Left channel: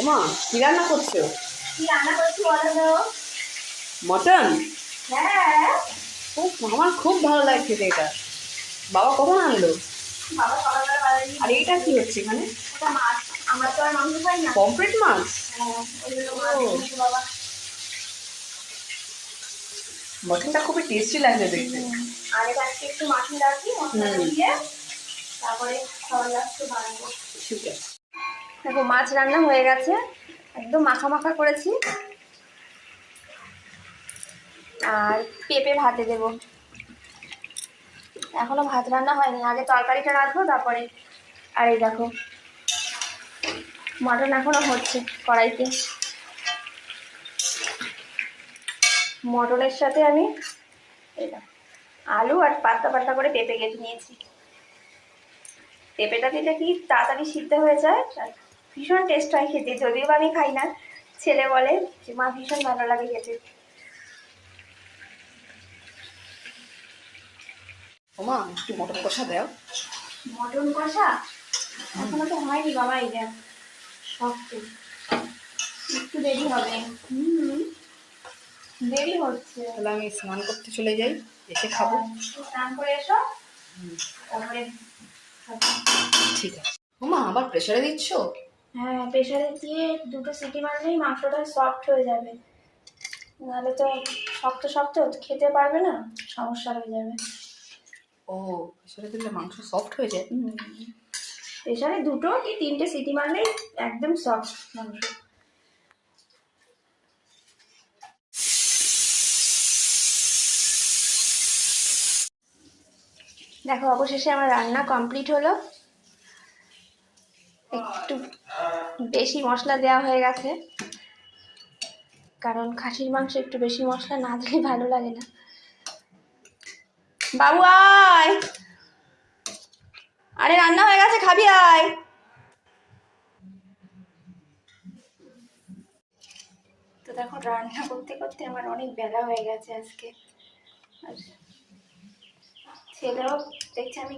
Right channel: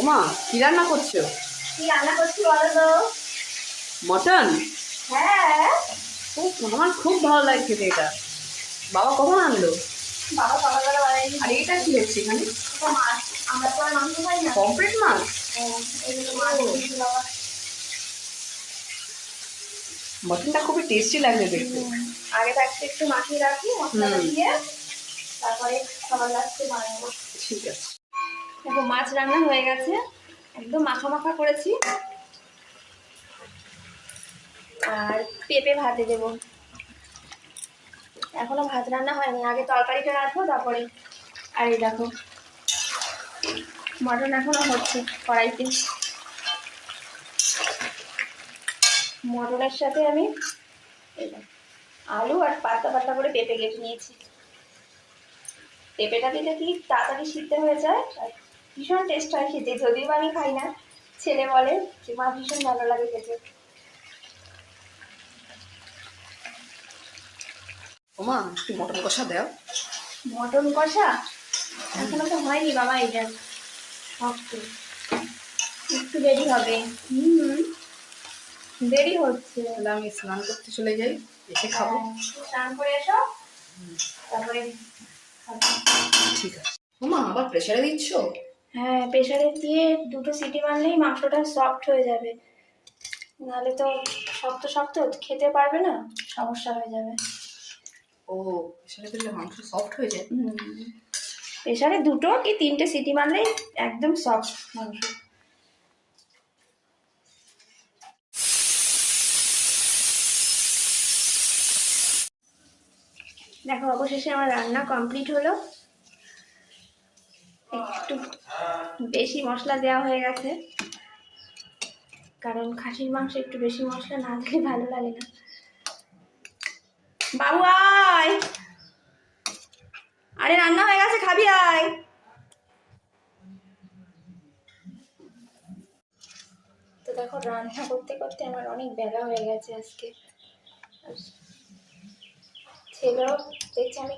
ওমা, কি রান্না করছো? কি রান্না করছি বলো তো? মটন? হ্যাঁ। ও, আমার খুব ভালো লাগে খেতে এটা। বাবা কখন আনলো? বাবা সকালবেলা বাড়ি। আর এটা কি হচ্ছে এখানে? ওটা মাছ। আমরা তো আর মাংস খাই না। পমফ্রেট মাছ? হ্যাঁ, ওই জন্য ও। মাছ এনেছে বাবা। মটনটা খুবই টেস্টি লাগছে দেখতে। আগে থাকতে একটু মাখিয়ে রাখি মশলাটা দিয়ে, তারপরে সবার লাস্টে বানাবো। ঠিক আছে। দেখো মাছ রান্না হয়ে গেছে, একদম মাখা মাখা করেছি। আর পেঁপে ভাতে দেবো। এখনো ভাত রান্না হয়নি, আগে তরকারিটা রাখবো তারপরে। আর এই দেখো মটন এখনো হচ্ছে কড়াইতে। মটনের সাথে আমি এই দেখো আলু আর পাতলা পাতলা করে পেঁপে কেটে নিয়েছি। পেঁপেটা দিলে কি তাড়াতাড়ি সিদ্ধ হয়ে যায় আর ভীষণ টেস্ট হয় খেতে। যদিও বা আমি খাই না, ছেলে বলে যে মা ভীষণ ভালো লাগে খেতে। ওমা, একটু মটন কষা দাও। মটন কষা এখনো তো হয়নি বাবা, এটা শক্ত, একটু দেরি হবে। দেরি হচ্ছে। তাহলে আমি স্নান করতে চলে যাই, এসে খাবো। স্নান করে এসো, তারপরে খাবো। ঠিক আছে। ওমা, আবার প্রেসারে দিচ্ছ? হ্যাঁ, প্রেসারে দিয়ে 2টো সিটি মারলেই মাংসটা সফট হয়ে যাবে, নাহলে তো শক্ত শক্ত খেতে পারবে না, সমস্যা হয়ে যাবে। ও, প্রেসারে দিলে মাংস সফট হয়ে যায়? প্রেসারে 2টো কি 3টে সিটি মারলেই একদম সফট মাংস। দেখো অবশেষে আমার রান্না কমপ্লিট হলো। একটু বেশি মশলা দেওয়া হয়ে গেছে, কারণ খাসির মাংস একটু বেশি মশলা না দিলে ভালো লাগে না। বাবু আয়, আরে রান্না হয়ে গেছে, খাবি আয়। তো দেখো রান্না করতে করতে আমার অনেক বেলা হয়ে গেছে আজকে। আর ছেলেও দেখছে আমি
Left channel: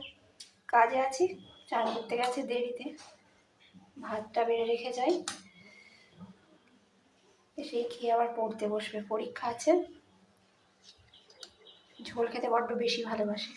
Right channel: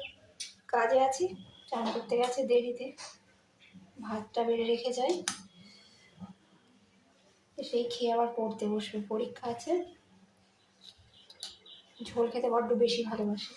কাজে আছি, চান করতে গেছে দেরিতে। ভাতটা বেড়ে রেখে যাই, সেই খেয়ে আবার পড়তে বসবে, পরীক্ষা আছে। ঝোল খেতে বড্ড বেশি ভালোবাসে।